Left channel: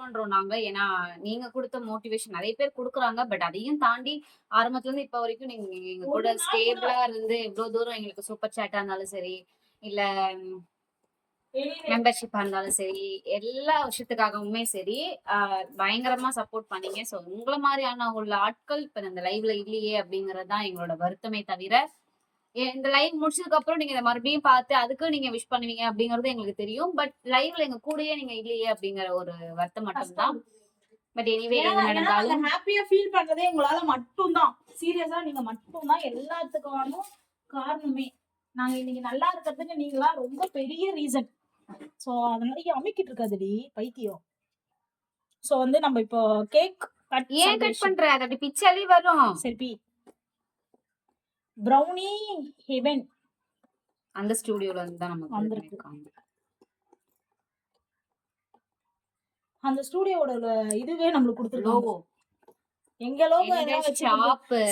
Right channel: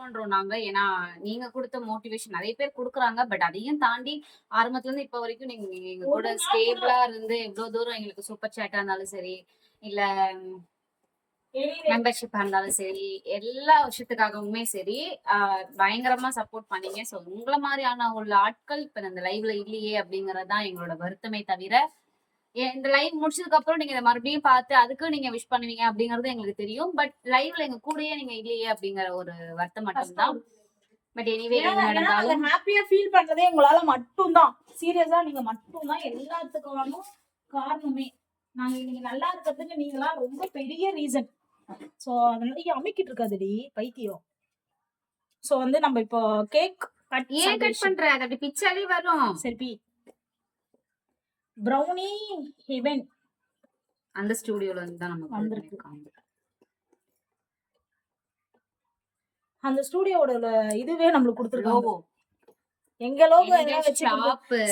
பண்றோம் நாங்க. ஏன்னா நீங்க கொடுத்த மோட்டிவேஷன் நிறைய பேர் குடுக்குறாங்க. பட் அதையும் தாண்டி ஆரம்பத்துல இருந்து இப்ப வரைக்கும் நீங்க எங்க கூட ஸ்டேபிளா இருந்து எவ்வளவு தூரம் எங்களுக்கு சூப்பர் சேட்டா இருந்தாலும் சரி இல்ல மெம்பர்ஷிப்பா இருந்தாலும் சரி எல்லா விஷயத்துக்காகவுமே சரி பயங்கரமா சப்போர்ட் பண்ணீங்க. ஸோ உங்களை மாதிரியான உள்ள ஆட்கள் இப்ப இந்த லைவ்ல இல்லையே அப்படிங்கறது தான் எங்களோட வருத்தமே தவிர இந்த லைவ் முடிச்சதுக்கு அப்புறம் நீங்க இதை மறுபடியும் பார்த்து அதுக்கு நீங்க விஷ் பண்ணுவீங்க அப்படிங்கறது எங்களுக்கு தெரியும். பட் லைவ்ல எங்க கூடயே நீங்க இல்லையே அப்படிங்கிற ஒரு வருத்தம் மட்டும்தான். பட் எனிவே நடந்தாலும் ஹாப்பியா ஃபீல் பண்றதே உங்களால மட்டும்தான். சீரியஸா நீங்க மட்டும்தான் எல்லாத்துக்கும் காரணமே. நாங்க இன்னைக்கு நல்லா இருக்கிறதுக்கு நீங்களா ரொம்ப பெரிய ரீசன் சோ அதனால அமிக்கிட்டு இருக்காதுடி பைத்தியம். சோ வந்து நம்ம இப்போ கேக் கட் ஏன் கட் பண்ற? அது அப்படி பிச்சாலே வரும். சரி பி. ப்ரௌனி ஹெவன் அந்த ஸ்டூடியோல இருந்து தான் நமக்கு வந்திருக்கு. அந்த ஸ்டூடியோட இதுவே நம்மளுக்கு கொடுத்துருக்கோம் எங்க லோகோ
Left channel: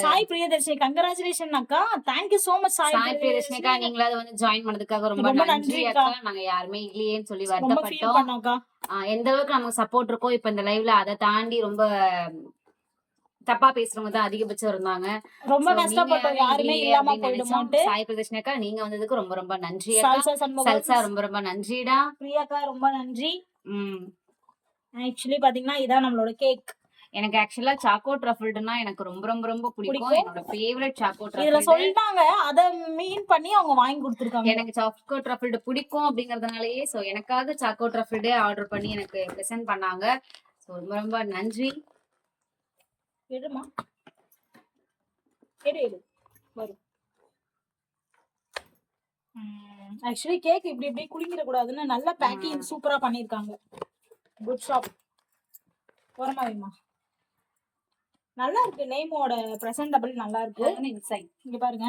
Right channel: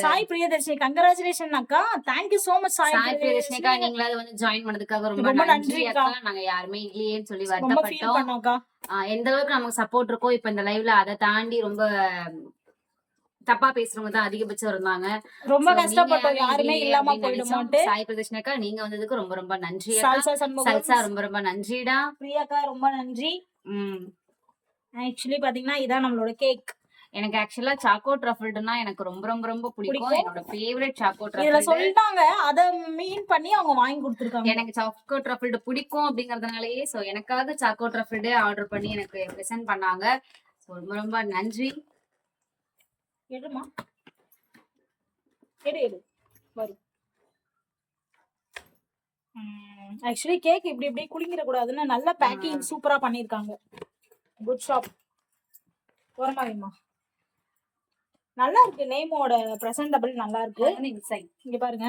சாய் பிரியதர்ஷினி கங்கராச்சுலேஷன் அக்கா. Thank you so much Sai Priyadarshini. நீங்களாவது வந்து ஜாயின் பண்ணதுக்காக ரொம்ப நன்றி அக்கா அக்கா. நாங்க யாருமே இல்லையேன்னு சொல்லி வருத்தப்பட்டோம். எந்த அளவுக்கு நமக்கு சப்போர்ட் இருக்கோ இப்ப இந்த லைவ்ல அதை தாண்டி ரொம்ப தப்பா பேசுறவங்க தான் அதிகபட்சம் இருந்தாங்க. ரொம்ப கஷ்டப்பட்டோம். யாரும் இல்லாம. போயிடுமோன்ட்டு. சாய் பிரதர்ஷனக்கா நீங்க வந்ததுக்கு ரொம்ப ரொம்ப நன்றி சல்சா ரொம்ப ரொம்ப நன்றிடா. பிரியாக்கா ரொம்ப நன்றி. உம் ஆக்சுவலி பாத்தீங்கன்னா இதான் நம்மளோட கேக் எனக்கு ஆக்சுவலா சாக்கோ ட்ரஃபிள்னா எனக்கு ரொம்ப ரொம்ப ரொம்ப பிடிக்கும். என்னோட ஃபேவரட் சாக்கோ இதுல ட்ரஃபிள் சொல்லிட்டாங்க. அத மீன் பண்ணி அவங்க வாங்கி கொடுத்துருக்காங்க. எனக்கு சாக்கோ ட்ரஃபிள்டு பிடிக்கும் அப்படிங்கறதுனாலயே சோ எனக்காக சாக்கோ ட்ரஃபிள்டு ஆர்டர் பண்ணி எனக்கு ப்ரெசென்ட் பண்ணாங்க. ரொம்ப ரொம்ப நன்றி. எடுமா? எடு எடு. வரும் ஆக்சுவலி கேக் இப்படி இப்படி குளிங்கிட கூடாதுன்னு நல்ல பேக்கிங் சூப்பரா பண்ணிருக்காங்க குட் ஷாப் ஓரமாவிமா நல்லா இருக்கு நேமோட பிரசன்டபிள் நல்லா இருக்கு இங்க பாருங்க.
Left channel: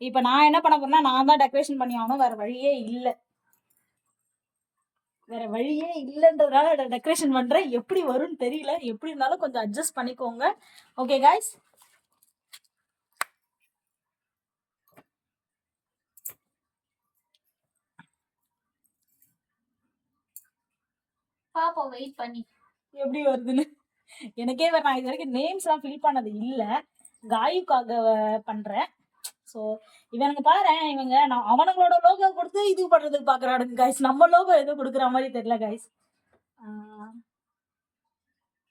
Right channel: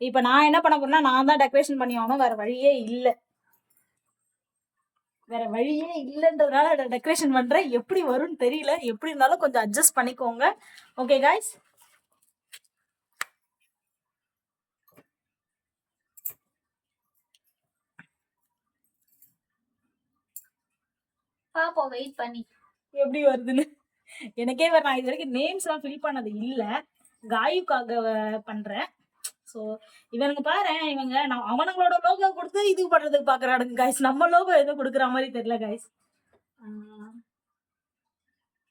இப்ப நான் என்ன பண்ண போறேன்னா நான் தான் டெக்கரேஷன் பண்ணி ஆகணும் வேற வழியே இல்ல. வேற வழியே இல்லைன்றதுனால டெக்கரேஷன் பண்றேன். எப்படி வரும்னு தெரியல. எப்படி இருந்தாலும் கொஞ்சம் அட்ஜஸ்ட் பண்ணிக்கோங்க. ஓகே காய்ஸ் பாப்போம் வெயிட் பண்ணி. எப்படி வருதுன்னு? எனக்கே வேற நான் இது வரைக்கும் நேம்ஸ் எல்லாம் ஃபில் பண்ணது இல்ல. காயுக்காக பண்றேன். ஸோ இவனுங்க பாரு இவங்க நான் அவனுங்களோட லோகோ கொடுத்து இது பண்றதுக்கு பாக்குறானுங்க காய்ஸ் நம்ம லோகோ எதுவும் கொடுக்குற மாதிரி தெரியல காய்ஸ்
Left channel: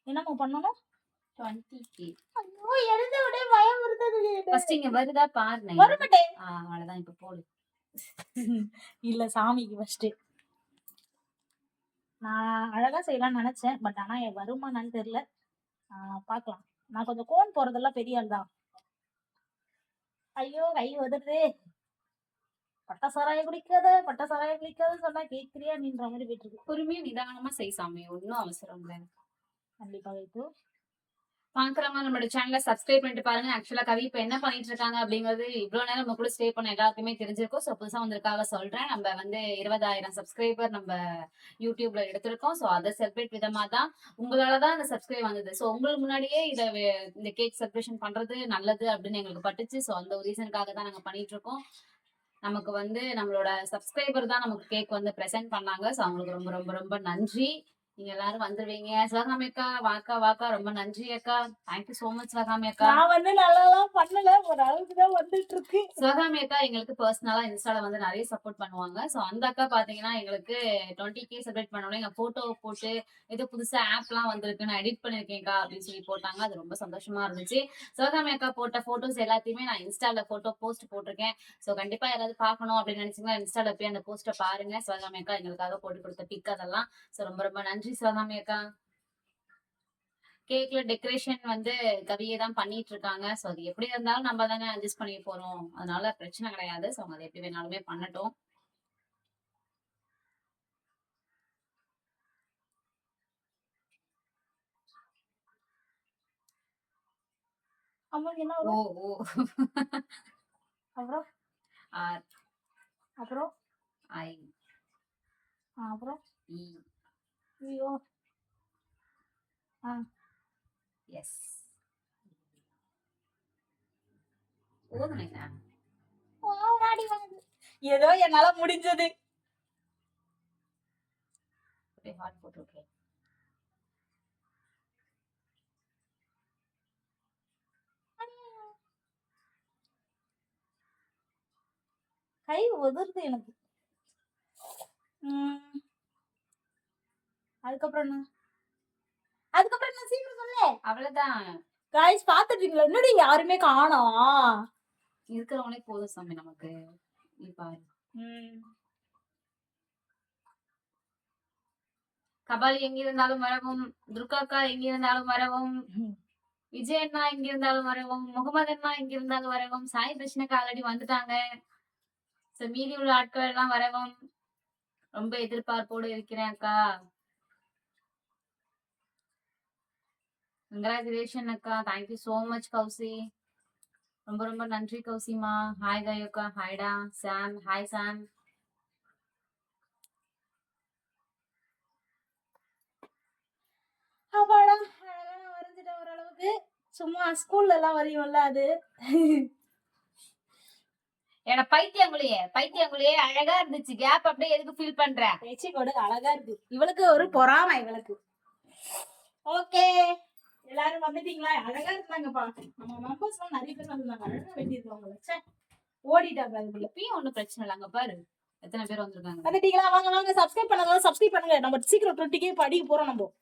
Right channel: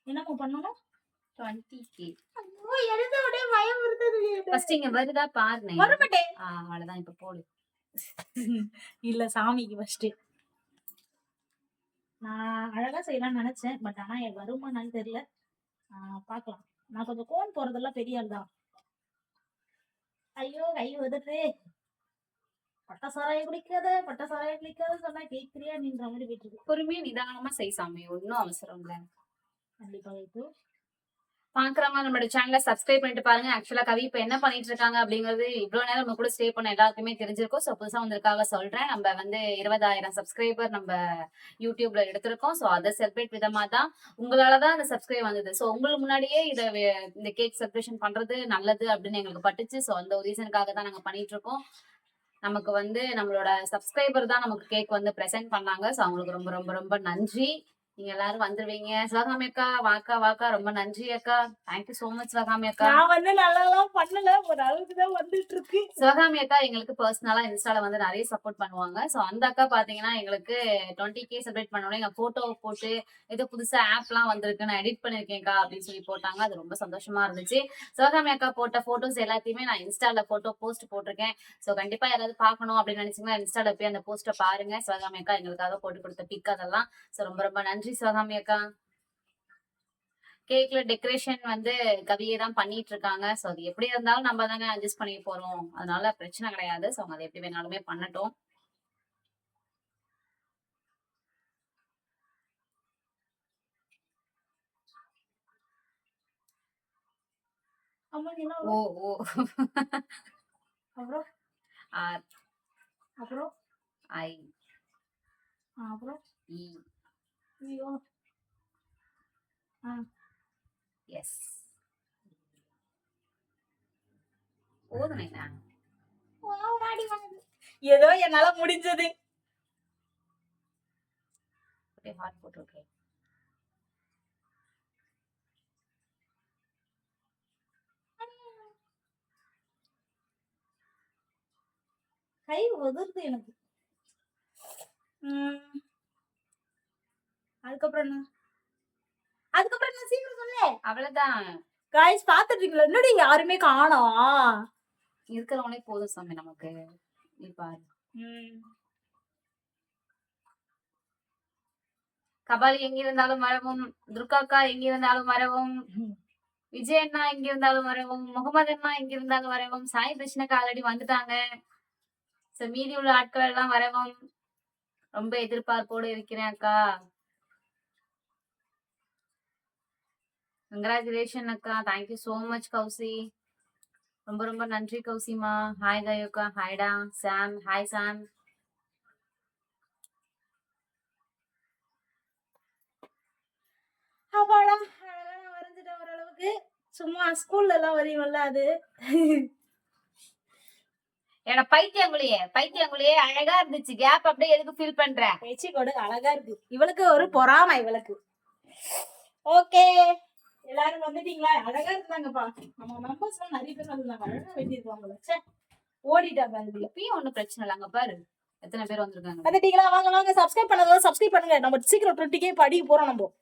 என்னம்மா பண்ணணும்? வருதா பாருங்க அவ்வளவுதான் இப்ப போடு. இல்ல சாமிக்கு ஃபர்ஸ்ட் நான் அழகா செய்யலாம்னு நினைச்சேன் பட் ஆனா என் வருமானு தெரியல. ஆஹ் பார்க்கலாம். நான் கொஞ்சம் கோன் போறதெல்லாம் பெரிய ஆள் தான் ஐயோ கை உதறுதே பட்ட சாராயம் குடிக்காத பட்ட சாராயம் குடிக்காத சொன்னா கேக்குறியா? நின்ற மாதிரி போயிட்டு இருக்கு. பொறுமையா நிதானமா செய் சாமி. ஒன்னும் அவசரம் இல்ல. கண்டிப்பா வைத்து பாக்குறவங்க நம்மளோட சேனலை சப்ஸ்கிரைப் பண்ணிட்டு பாருங்க. ஆக்சுவலா கவி இப்ப என்ன பண்ணிட்டு இருக்காங்க அப்படிங்கிறது இவ்வளவு நேரம் நம்ம கூட ஸ்டே பண்ண எல்லாருக்குமே தெரிஞ்சிருக்கும். ஸோ புதுசா வந்திருக்காக சொல்றேன். நம்ம வந்து இருபதாயிரம் சப்ஸ்கிரைபர் நம்ம யூடியூப்ல எடுத்திருக்கோம். ஸோ அதை செலிப்ரேட் விதமா தான் உங்களாலதான் அந்த சப்ஸ்கிரைப் வந்தது. ஸோ உங்களுக்கு முன்னாடியே இதை இந்த கேக் செலிப்ரேஷன் பண்றது நல்லது அப்படின்னு எங்களுக்கு பட்டுச்சு. ஸோ அந்த ஒரு ரீசனுக்காக தான் நாங்க பண்ணிட்டு இருக்கோம். நமக்கு வந்து நம்மளோட சப்ஸ்கிரைபர் தான் நமக்கு கேக் வந்து ப்ரெசென்ட் பண்ணாங்க. ஸோ அவங்களுக்கு ரொம்ப ரொம்ப ரொம்ப நன்றி. நீங்க எல்லாரும் வந்துருவீங்க. சிவகாமி அக்கா வாக்கா வாக்கா ரொம்ப நன்றி அக்கா. தேங்க்யூ சோ மச் சிவகாமி அக்கா நான் வந்து நல்லாலாம் பண்ணல. ஒரு அளவுக்கு தான் வந்துட்டு இருக்கு சிவகாமி அக்கா எங்களுக்கு பர்சனலா இன்ஸ்டால வந்து நிறைய சப்போர்ட் பண்ணுவாங்க. ஸோ அந்த அக்கா பாத்தீங்கன்னா எங்களுக்கு டுவெண்ட்டி கே செலிப்ரேட் பண்ணோட எங்க போட்டோ போட்டு ஏதோ புதுசா ஆப்லாம் வந்திருக்கு நான் எடிட் பண்ணிருக்கேன்க்கா அப்படின்னு சொல்லி போட்டாங்க. அது ரொம்ப சந்தோஷமா இருந்துச்சு. சிவகாமி அக்கா போட்ட போட்டோஸ் எல்லாத்தையுமே நான் இன்ஸ்டால போட்டோ போஸ்ட் போட்டிருக்கேன். ஸோ கண்டிப்பா யாராவது பார்க்கணும் அப்படின்னு நினைச்சீங்கன்னா இன்ஸ்டால போய் அந்த போஸ்ட்டை பாருங்க. சிவகாமி அக்கா எங்களுக்காக போட்டு கொடுத்த பிக் அதெல்லாம். ஸோ ரொம்ப ரொம்ப நன்றி. சிவகாமி அக்கா கேக்ல டெக்கரேஷன் வந்து கவியே தான் பண்ணிட்டு இருக்காங்க ஸோ அது எப்படி இருந்தாலும் நம்ம தானே அட்ஜஸ்ட் பண்ணி போறோம். அதனால பிரச்சனை கிடையாது. ஸோ அவங்க அதை எப்படி வேணாலுமே பண்ணட்டும். ஓ? ஓ. அப்புறம்? ஆர். அப்புறம்? ஐ. அப்புறம்? இ. ஐயோ ஆ எஸ் போதுமைண்ணா ஓமாடி வாங்க ஏதோ என்னால முடிஞ்சது அப்படியே போட்டு விட்டுறேன் கை உதிர்ந்து எனக்கு உம் அதுக்கப்புறம் என்ன? அதுக்கப்புறம் என்ன சீக்கிரம் சொல்லு. அவ்வளவுதான். காய்ஸ் பாத்துட்டீங்களா என்னடி யாருமே காணோம் இருக்கிறவங்களே போதும் சாமி நமக்கு. பாரு. கபாலி எங்க இருந்தாலும் வரவும் துர்காக்கா எங்க இருந்தாலும் வரவும் விஜய் அண்ணா எங்க இருந்தாலும் வரவும் முகமது அண்ணா எங்க இருந்தாலும் வரவும் சாய் கிருஷ்ணக்கா ஆல்ரெடி வந்துட்டாங்க. சோ மீதி உள்ள ஆட்கள் எல்லாம் வரவும். ரொம்ப எதிர்பார்ப்போடு இருக்கிறேன் அக்கா. கங்க்ராச்சுலேஷன் அக்கா. Thank you so much Kousi. ரொம்ப ரொம்ப நன்றி கௌசிமா. ஹாய் கயோக்கா ஹாய்டா சாம் ஹாய் சாம் அப்பாடா அழகா நான் வரைஞ்சிட்டேன் ஓரளவுக்கு. சும்மா ஸ்கூல்ல எல்லாம் வரையும்ல அது. என்னோட பைத்தியங்குழியே பைத்தியங்குழியே அழகா இருந்துச்சு. கேப் அப்படியே எதுக்கு ஃபீல் பண்ற? பேச்சு கொடு. அழகா இருக்கு. இவளுக்கு ஒரு பொறாமை இவளுக்கு. ஓகே எல்லாரும் வந்துட்டீங்களா? அழகா இருந்தாங்கப்பா. நம்ம மெம்பர்ஸ் எல்லாம் நிறைய பேர் வந்திருந்தாங்க அழகா வெட்டியிருக்காங்க ச்சே ஓடிட்டாங்க அதுக்குள்ள ஒண்ணும் பிரச்சனை இல்ல அங்க பாரு. எத்தனை பேர் வந்திருக்காங்க. வந்துட்டீங்களா? வாங்க வாங்க. சப்ஸ்கிரைப் பண்ணாத சப்ஸ்கிரைப் பண்ணுங்க. நம்ம சீக்கிரம் டுவெண்ட்டி கே படிக்க போறோம் நம்ம.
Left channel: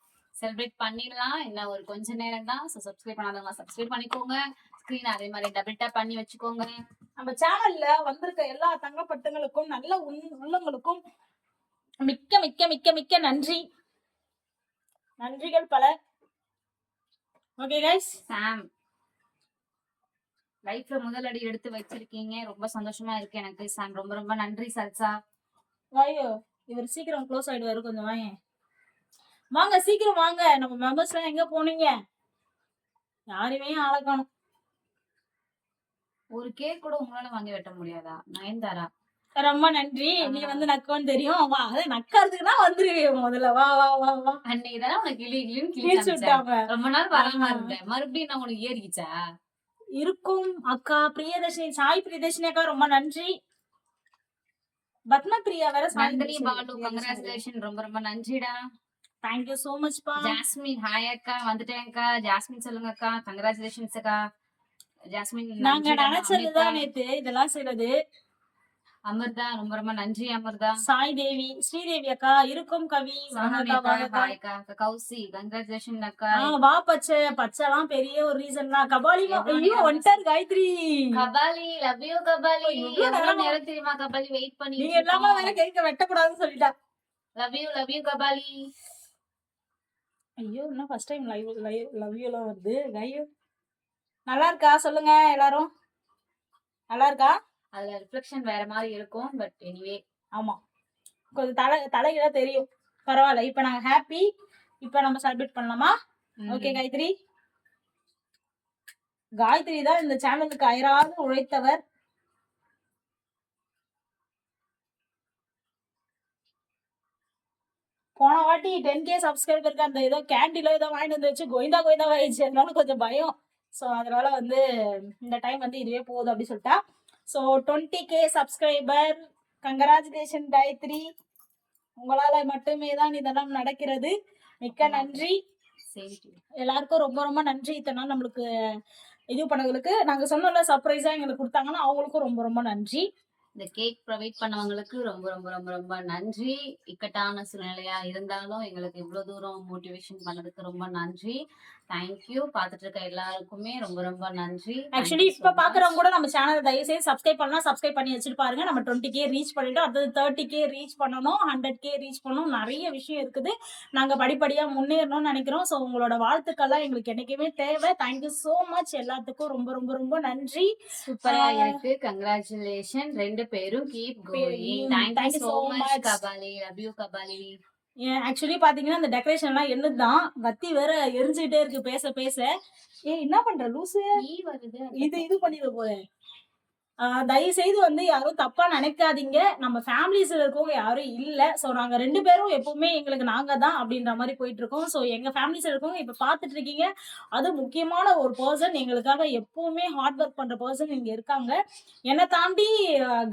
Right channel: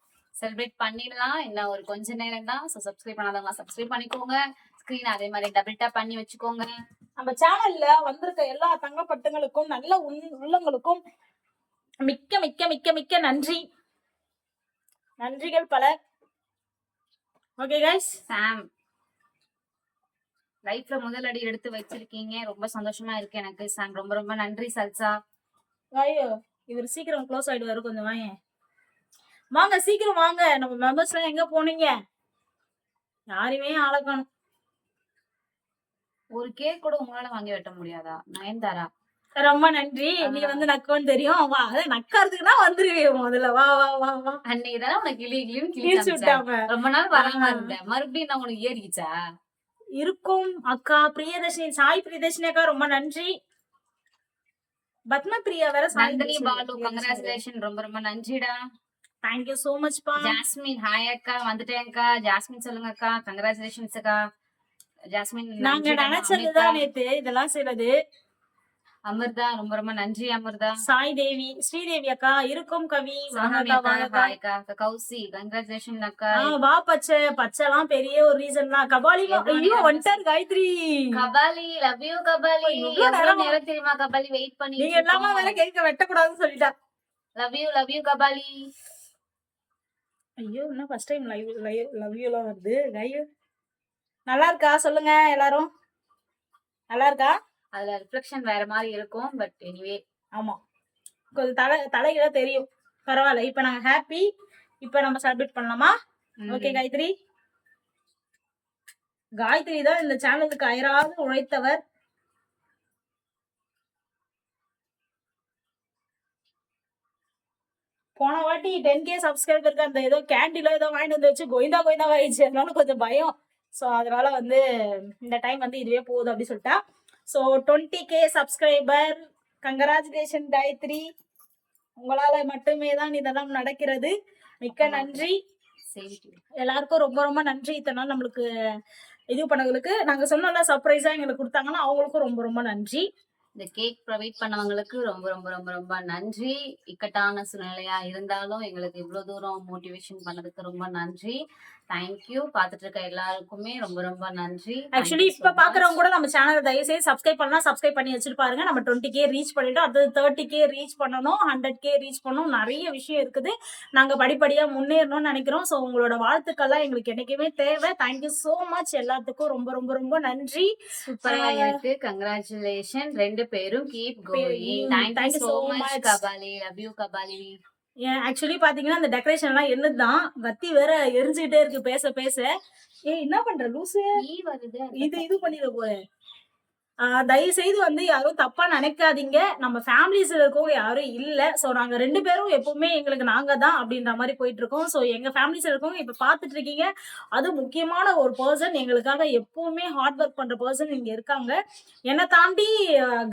செலிப்ரேட் பண்ணிடலாம். இன்னும் ஒரு கொஞ்ச நேரம் தான். ஸோ சப்ஸ்கிரைப் பண்ணாதவங்க சப்ஸ்கிரைப் பண்ணிக்கோங்க. ஸ்க்ரீன் அதே மாதிரி டபுள் டேப் பண்ணி வச்சுக்கோங்க. நம்ம சேனல்ல வந்திருக்க எல்லா தங்கப்பட்டுங்களுக்கும் நல்ல உள்- உள்ளங்களுக்கும் மிக்க மிக்க மிக்க மிக்க நன்றி. நன்றிகள் பல. ஓகே கைஸ் சாம் லைஃப்ல முதல் அடி எடுத்து வச்சிருக்கீங்க. ரொம்ப சந்தோஷமா இருக்கு எனக்கு சாம் ரொம்ப ரொம்ப நன்றி சல்சா. ஐயோ இவர் சீக்கிரம் க்ளோஸ் ஆயிடுவாரு. கொஞ்சம் வாங்க. வாங்க சீக்கிரம் வாங்க. நம்ம மெம்பர்ஸ் எல்லாம் எங்க போனீங்க? யாரையுமே ஆளை காணோம். ஒரு கேக் கூட உங்களால வாங்கி வெட்ட முடியாதா? நயன்தாரா? ரொம்ப நன்றி. நீ வந்து நக்கோன்னு தெரியும். வா அது நக்கறதுக்குன்னா வந்துருவே முதல்ல. வா வா வா வா. அன்னைக்கு தானே உனக்கு கிளி கிளின்னு கிளி கிழிச்சு. விட்டாங்க ரொம்ப நாள் வராம. இருந்தேன். மறுபடியும் நான் உனக்கு ஏறிக்கிச்சா இருக்கும் அக்கா. பிரியதர்ஷினி சாய் பிரியதர்ஷினி அக்கா ரொம்ப நன்றி. பத்ம பிரியா வேற நந்தினி பாலு கங்க்ராச்சுலேஷன் ரொம்ப ரொம்ப நன்றிடா தேங்க்யூ சோ மச் பா. ஜாஸ்மின் ஹாய் அக்கா. வந்துட்டேன்க்கா ஜாஸ்மின் சொல்லுங்க அக்கா. கங்க்ராச்சுலேஷன்ஸ் அக்கா. ஜாஸ்மின் நாங்க. நினைச்சதுதான் நேத்து இதெல்லாம் செய்யறது. அமிர்தா ரொம்ப ரொம்ப நன்றி அமிர்தா. சாய் தேவி ஸ்ரீதேவி அக்கா இருக்கும் கவி கௌசி கங்க்ராச்சுலேஷன் அக்கா. வா பச்சை பச்சைலாம் பெரிய ஒரு ரீசன் தான். கபாலி ஐயோ வந்துட்டார் Gayatri. Kabali love you Kabali. நேரமா? தெரியுமா கபாலி? வெயிட் பண்ணி நீங்க எல்லாமே வேற கேட்க வெட்டக்கூடாதுன்னு சொல்லிட்டா. Love you love you Kabali. ஐயோ என்ன first time live live love யூலாம் வருது. லைவ் நல்லா இருக்கா? சொல்லுங்க எல்லாரும். நல்லா இருக்கா? அதுல ரிஃப்ளெக்ஷன் வேற மாதிரி இருக்கும் பட் எனிவே ஆமா. கொஞ்சம் தலை தலைகளா தெரியும். பரவாயில்ல. இப்ப நாங்க ஹாப்பி இப்ப நம்ம செலிப்ரேட் பண்ணலாமா? ஓகே காயத்ரி. காயத்ரி தான் இந்த சேனலுக்கு அயராது உழைத்தவர். போன வாட்டி டென் கே சப்ஸ்கிரைபருக்கு அந்த ஏதோ கேண்டீன்ல ஏதோ வாங்கிட்டு வந்து வச்சு கோவிந்தா கோவிந்தா ஆயிடுச்சு அதனால கொஞ்சம் பயம். ஸோ அதனால வந்து இந்த டைம் வந்து இதுவே போதும் அப்படி சொல்லிட்டா. So twenty K subscriber congratulation Gayathri உங்களால மட்டுமே தான் இதெல்லாம் நடக்கிறது. மிக்க நன்றி. எல்லாருக்கும் ரொம்ப ரொம்ப நன்றி. இத்தனை நாள் நம்மளுக்கு இது பண்ணவங்களுக்கு நாங்க சொன்னோம்ல சர்ப்ரைஸா எங்களுக்கு கொடுத்தாங்கன்னா அவங்களுக்கும் ரொம்ப ரொம்ப நன்றி. இந்த கேக் ப்ரொவைட் பண்ணவங்களுக்கு ரொம்ப ரொம்ப ரொம்ப ரொம்ப நன்றி. இக்கட்டான சூழ்நிலையா இருந்தாலும் எங்களுக்கு இவ்வளவு தூரம் மோட்டிவேஷன் பண்ணதுக்கு ரொம்ப நன்றி. தேங்க்யூ பார்த்துட்டு இருக்க எல்லாருக்குமே ரொம்ப ரொம்ப நன்றி. ஆக்சுவலி இப்ப பாக்குறவங்க கூட நம்ம சேனலை தயவு செய்து சப்ஸ்கிரைப் பண்ணா சப்ஸ்கிரைப் பண்ணி வச்சுட்டு பாருங்க நம்ம டுவெண்ட்டி கே ரீச் பண்ணிட்டோம். அடுத்தது தேர்ட்டி கே ரீச் பண்ணணும். ஹண்ட்ரட் கே ரீச் பண்ணணும். நிறைய விஷயம் இருக்குது. நாங்க படிப்படியா முன்னேறணும்னு நினைக்கிறோம். ஸோ உங்களோட வாழ்த்துக்கள்லாம் எங்களுக்கு என்னைக்குமே தேவை. தேங்க்யூ so மச் எல்லாத்துக்கும் ரொம்ப ரொம்ப ரொம்ப நன்றி. சூப்பரா ஆஹ் இருக்கு. கங்க்ராச்சுலேஷன் ரெண்டு பேரும் keep going Thank thank you so much much. Kabali. Love you Kabali. Actually பாத்தீங்கன்னா அந்த டெக்கரேஷன் எல்லாம் என்னதுதான் வத்தி வேற எரிஞ்சுக்கிட்டே இருக்கு பேச பேச. ஏய் என்ன பண்ற லூசு? இது இது பண்ணிட போறேன். தயவு செய்து வந்து யாரும் தப்பா நினைக்காதீங்க. நம்ம ஃபேமிலிஸ்ல இருக்கவங்க யாரும் இல்ல. சோ நாங்க ரெண்டு பேரும் எப்பவுமே எங்களுக்கு நாங்க தான் அப்படின்ற மாதிரி போயிட்டு இருக்கோம் சோ எங்க ஃபேமிலிஸ்ல இருக்கவங்க இப்ப பாத்துட்டு இருக்கீங்க அது முக்கியமான ஒரு பர்சன் எங்களுக்காக எப்பவுமே ஹார்ட் ஒர்க் பண்ற பர்சன் இங்க இருக்காங்க. என்னை தாண்டி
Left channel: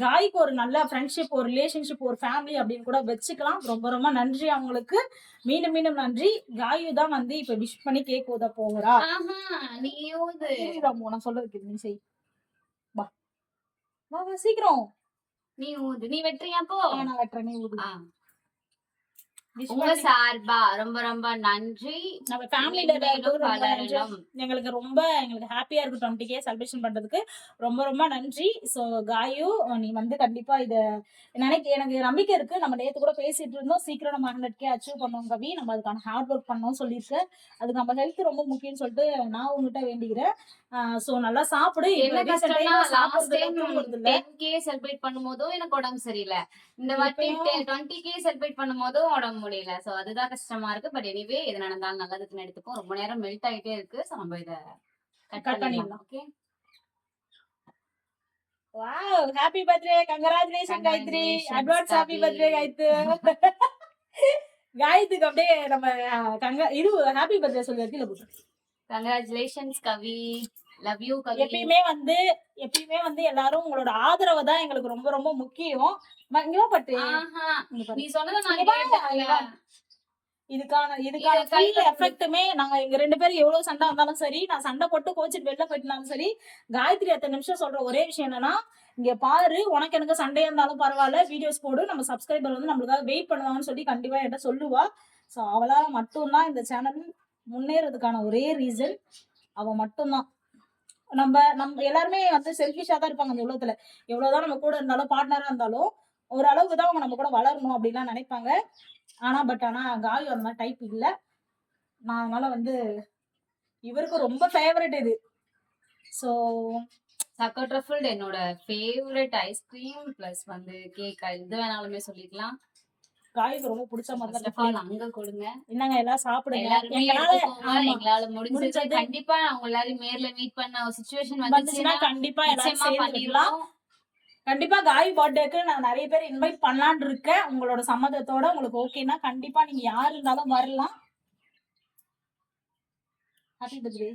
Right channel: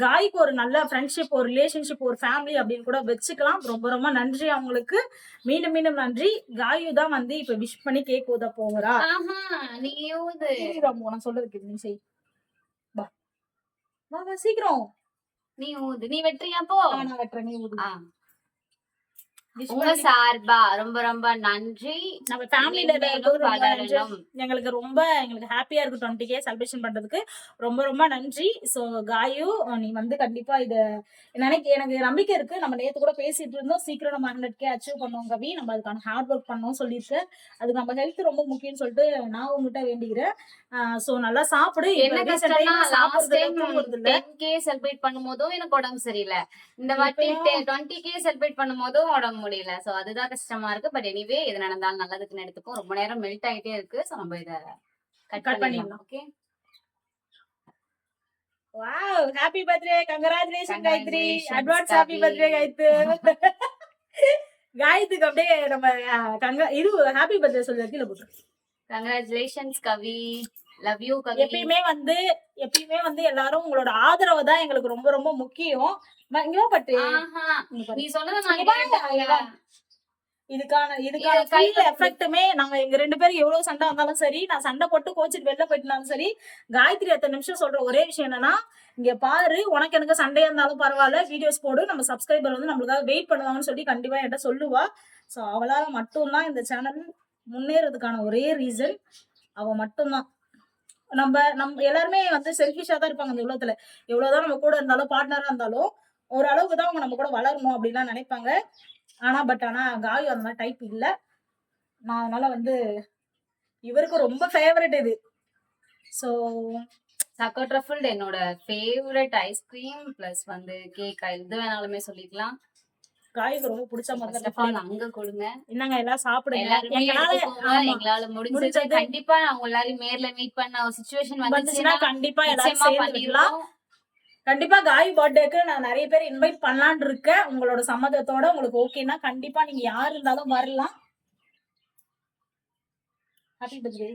காய்க்கு ஒரு நல்ல ஃப்ரெண்ட்ஷிப் ஒரு ரிலேஷன்ஷிப் ஒரு ஃபேமிலி அப்படின்னு கூட வச்சுக்கலாம். ரொம்ப ரொம்ப நன்றி அவங்களுக்கு. மீண்டும் மீண்டும் நன்றி. காயு தான் வந்து இப்ப விஷ் பண்ணி கேக் ஊத போகிறா. நீயும் நான் சொல்றது கேளு, நீ செய். வா சீக்கிரம். நீ ஊது நீ வெட்டுறியா ஆ, நான் வெட்டுறேன் நீ ஊது. உங்க சார்பா ரொம்ப ரொம்ப நன்றி. நம்ம ஃபேமிலில எங்களுக்கு ரொம்ப எங்களுக்கு ஹாப்பியா இருக்கு டுவெண்ட்டி கே செலிப்ரேஷன் பண்றதுக்கு. ரொம்ப ரொம்ப நன்றி. ஸோ காயு நீ வந்து கண்டிப்பா இத நினைக்க எனக்கு நம்பிக்கை இருக்கு. நம்ம நேத்து கூட பேசிட்டு இருந்தோம். சீக்கிரம் நம்ம ஹண்ட்ரட் கே அச்சீவ் பண்ணோம் கவி. நம்ம அதுக்கான ஹார்ட் ஒர்க் பண்ணோம் சொல்லியிருக்க. அதுக்கு நம்ம ஹெல்த் ரொம்ப முக்கியம்னு சொல்லிட்டு நான் உங்ககிட்ட வேண்டிக்கிறேன். ஸோ நல்லா சாப்பிடு. என்ன இல்ல. கே செலிப்ரேட் பண்ணும்போதும் எனக்கு உடம்பு சரியில்லை. இந்த வாட்டி டுவெண்ட்டி கே செலிப்ரேட் பண்ணும்போதும் உடம்பு முடியல. சோ அதுதான் கஷ்டமா இருக்கு. பட் எனிவே எது நடந்தாலும் நல்லதுக்குன்னு எடுத்துப்போம். ரொம்ப நேரம் மெல்ட் ஆயிட்டே இருக்கு. சோ நம்ம இத கட் பண்ணிடலாம். Okay wow happy birthday congratulation Gayathri advance happy. Birthday Gayathri காயத்துக்கு அப்படியே நம்ம கங்க இது ஹாப்பி பர்த்டே கீழே போட்டு கங்க்ராச்சுலேஷன்ஸ் கவி லவ் யூ எப்பயுமே வந்து எப்பயுமே வந்து எல்லாரும் உங்களோட ஆதரவு தான் எங்களுக்கு ரொம்ப ரொம்ப முக்கியம். இங்க பட்டு. நீ சொன்னதை. இதுக்கான இதுக்கான ஃபுல் எஃபெக்ட்டுமே நாங்க எங்க ரெண்டு பேரும் எவ்வளவு சண்டை வந்தாலும் சரி நான் சண்டை போட்டு கோச்சிட்டு வெளில போயிட்டாலும் சரி காயத்ரி எத்தனை நிமிஷம் சொல்ற ஒரே விஷயம் என்னன்னா இங்க பாரு உனக்கு எனக்கு சண்டையா இருந்தாலும் பரவாயில்ல வீடியோஸ் போடு நம்ம சப்ஸ்கிரைபர் வந்து நம்மளுக்காக வெயிட் பண்ணுவாங்கன்னு சொல்லி கண்டிப்பா என்கிட்ட சொல்லுவா. ஸோ அவளால மட்டும்தான் இந்த சேனல் முன்னேறதுக்கான ஒரே ரீசன் அவ மட்டும்தான். நம்ம நம்ம எல்லாருமே வந்து செல்ஃபிஷா தான் இருப்பாங்க அந்த உலகத்துல. எவ்வளவுதான் நம்ம கூட இருந்தாலும் பார்ட்னரா இருந்தாலும் ஒரு அளவுக்கு தான் அவங்க நம்ம கூட வளரணும் அப்படின்லாம் நினைப்பாங்க. ஆனா பட் ஆனா காயு அந்த மாதிரி டைப் இல்ல. நான் அதனால வந்து இவருக்கு ரொம்ப ஃபேவரட் இது. ஸோ சக்கோ ட்ரஃபிள் என்னோட ஃபேவரட் ஐஸ்கிரீம் பிளஸ் வந்து கேக் இது வேணாலுமே சொல்லிக்கலாம். காய்க்கு ரொம்ப பிடிச்ச மாதிரி all, அங்க கொடுங்க. என்னங்க எல்லாம் சாப்பிடுங்க. எல்லாருமே எங்களால எங்களால முடிஞ்சது. கண்டிப்பா நான் உங்க எல்லாரையும் நேர்ல மீட் பண்ண சுச்சுவேஷன் வந்துச்சுன்னா கண்டிப்பா எல்லாரும் நிச்சயமா சேர்ந்து வைக்கலாம். பண்ணிடுவோம். கண்டிப்பா காய் பர்த்டேக்கு நான் நிறைய பேர் இன்வைட் பண்ணலான்னு இருக்கேன். உங்களோட சம்மதத்தோட உங்களுக்கு ஓகேனா கண்டிப்பா நீங்க யார் இருந்தாலும் வரலாம். Happy birthday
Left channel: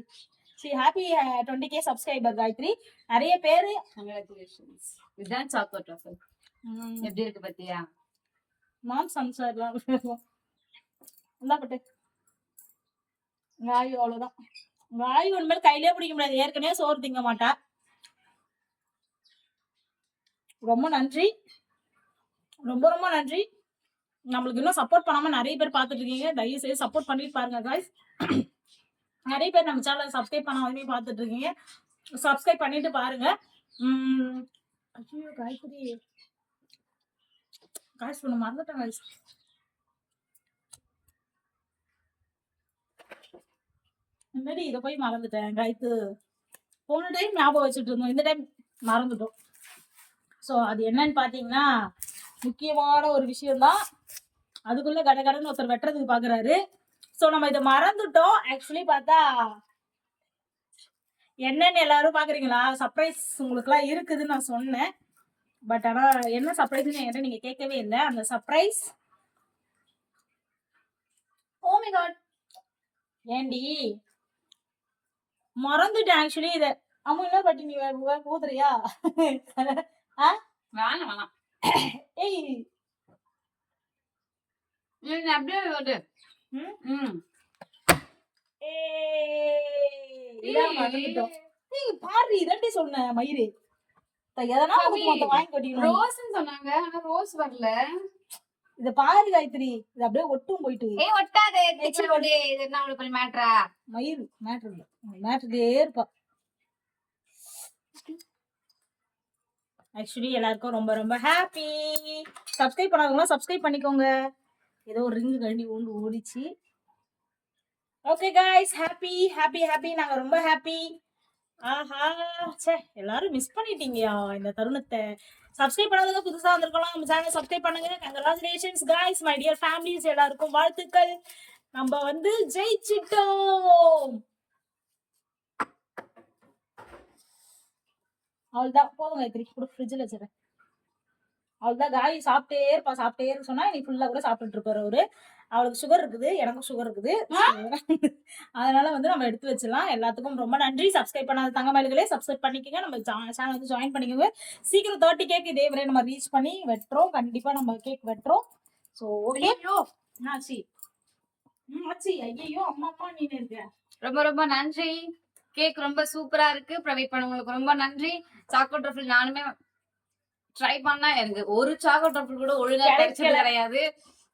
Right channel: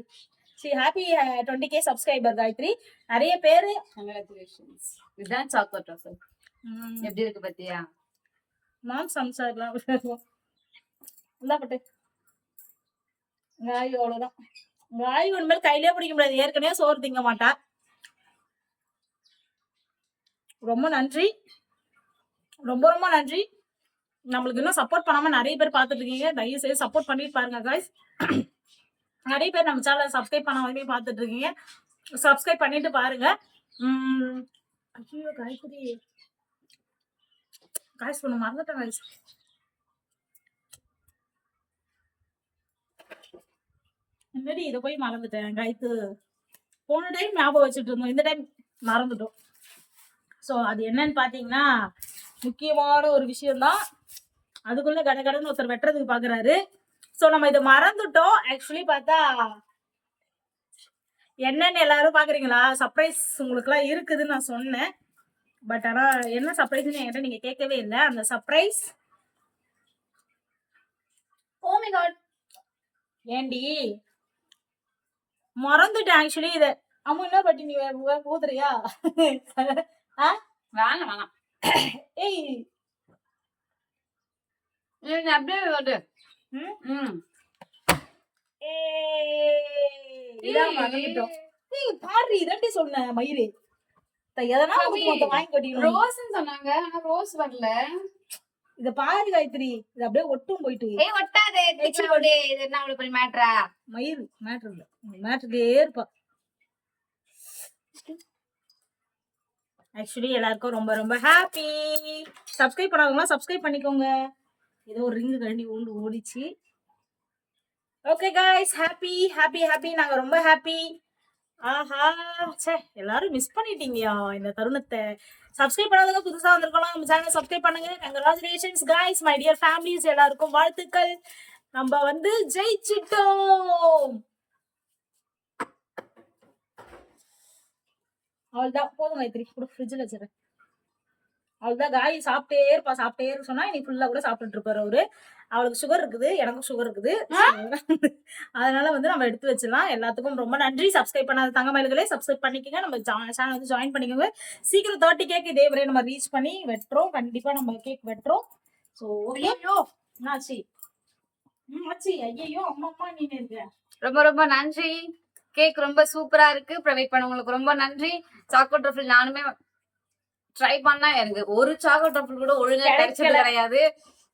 C happy twenty K subscriber Gayathri நிறைய பேர் கங்க்ராச்சுலேஷன்ஸ் இதுதான் ட்ரஃபிள் எப்படி இருக்கு பத்தியா மாம் சம்சார்லாம் இந்தா பட்டு காய் அவ்வளவுதான். காய் ஒன்றுமே கையிலே பிடிக்க முடியாது. ஏற்கனவே சோறு திங்க மாட்டா. ரொம்ப நன்றி. ரொம்ப ரொம்ப நன்றி. நம்மளுக்கு இன்னும் சப்போர்ட் பண்ணாம நிறைய பேர் பார்த்துட்டு இருக்கீங்க. தயவு செய்து சப்போர்ட் பண்ணிட்டு பாருங்க காய்ஸ் நிறைய பேர் நம்ம சேனலை சப்ஸ்கிரைப் பண்ணாமே பார்த்துட்டு இருக்கீங்க. சப்ஸ்கிரைப் பண்ணிட்டு பாருங்க. ஐயோ காய்கறி. காய்ஸ் ஒன்று மறந்துட்டேன் காய்ஸ் முன்னாடி இதை போய் மறந்துட்டேன்? காய்த்து போன டைம் ஞாபகம் வச்சுட்டு இருந்தோம். இந்த டைம் மறந்துட்டோம். ஸோ அது என்னன்னு பார்த்தீங்கன்னா முக்கியமான ஒரு விஷயம்தான். அதுக்குள்ள கடை கடைன்னு ஒருத்தர் வெட்டுறதுக்கு பார்க்குறாரு ஸோ நம்ம இதை மறந்துட்டோம். ஆக்சுவலி பார்த்தா என்னன்னு எல்லாரும் பார்க்குறீங்களா சர்ப்ரைஸ் உங்களுக்குலாம் இருக்குதுன்னு நான் சொன்னேன். பட் ஆனால் என்ன சர்ப்ரைஸ்னு என்கிட்ட நீங்கள் கேட்கவே இல்லை. அந்த சர்ப்ரைஸ் ஓ மை காட் ஏண்டி? மறந்துட்டேன் ஆக்சுவலி இதை அம்மா பட்டி நீ ஊதுறியா? வேணாம் வேணாம். ஏய். நீங்க அப்படியே வந்து. ம்? ம். ஏய், இதான் மறந்துட்டோம் ஏய் பாரு இதாண்டி சொன்னேன் மயிறு. த- எதனா வாங்கி கட்டிக்கணும். ரோஸ்ன்னு சொன்னாங்க. ஆனா ரோஸ் வரல. இத பாரு காயத்ரி. இது அப்படியே ஒட்டும் போயிட்டு. ஏய் ஒட்டாதே. இது என்ன அவ்வளவு பெரிய இல்ல. மேட்ருக்கே இருப்பா. ஆக்சுவலி எல்லாருக்கும் ரொம்ப ரொம்ப ஹாப்பி சப்ஸ்கிரைப் பண்ணாதவங்களாம் சப்ஸ்கிரைப் பண்ணிக்கோங்க. ஏதோ ஒரு ரிங்கு கழண்டி ஓண்டு ஓடிச்சு. Okay guys happy happy happy நாங்க ரொம்ப ஹாப்பி ஆஹா ச்சே எல்லாரும் மிஸ் பண்ணிட்டீங்கயா இந்த தருணத்தை. சப்ஸ்கிரைப் பண்ணாதவங்க புதுசா வந்திருக்கலாம் நம்ம சேனல் சப்ஸ்கிரைப் பண்ணுங்க. Congratulations guys my dear families எல்லாருக்கும் வாழ்த்துக்கள். நம்ம வந்து ஜெயிச்சிட்டோம். அவள்தான் போதும் மைத்திரி கூட ஃப்ரிட்ஜில் வச்சுறேன் அவள்தான் காய் சாப்பிட்டே இருப்பா சாப்பிட்டே இருக்க சொன்னா இன்னைக்கு ஃபுல்லா கூட சாப்பிட்டுட்டு இருப்பாரு அவரு. அவளுக்கு சுகர் இருக்குது எனக்கும் சுகர் இருக்குது. அதனால வந்து நம்ம எடுத்து வச்சிடலாம். எல்லாத்துக்கும் ரொம்ப நன்றி. சப்ஸ்கிரைப் பண்ணாத தங்கமயில்களே சப்ஸ்கிரைப் பண்ணிக்கோங்க. நம்ம சேனல் வந்து ஜாயின் பண்ணிக்கோங்க. சீக்கிரம் தேர்ட்டி கேக் இதே வரை நம்ம ரீச் பண்ணி வெட்டுறோம். கண்டிப்பா நம்ம கேக் வெட்டுறோம். ஸோ ஓகே ஆச்சு ஆச்சு. ஐயோ அம்மா அம்மா நீ இருக்க? ரொம்ப ரொம்ப நன்றி. கேக் ரொம்ப சூப்பரா இருக்கு. ப்ரொவைட் பண்ணவங்களுக்கு ரொம்ப நன்றி. சாக்கோ ட்ரஃபில் நானுமே ட்ரை பண்ணா எனக்கு ஒரு சாக்கோ டஃபிள் கூட ஒழுங்கா கிடைச்சது. கிடையாது.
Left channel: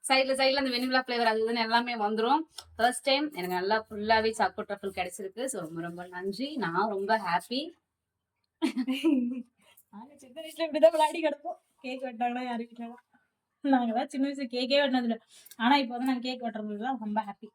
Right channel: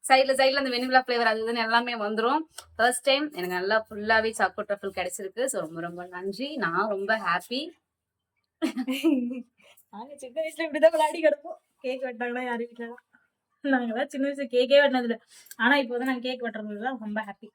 சைடுல சைடுல அந்த வெனிலா ஃபிளேவர் அது இதுன்னு எல்லாமே வந்துரும். ஃபர்ஸ்ட் டைம் எனக்கு நல்லா ஃபுல்லாவே சாக்கோ டஃபிள் கிடைச்சிருக்கு. ஸோ ரொம்ப ரொம்ப நன்றி. நான் ரொம்ப ஹாப்பி நாங்க சின்ன வயசுல இப்படிதான் விளையாடி கிடப்போம். கேக் வெட்டாங்கன்னா யாரு வீட்டுல நாங்களாம் சின்ன வயசுல கேக்கே வெட்டினது இல்ல. ஆனா இப்போ வந்து நாங்க கேக் வெட்டுறதுல தான் ரொம்ப ஹாப்பி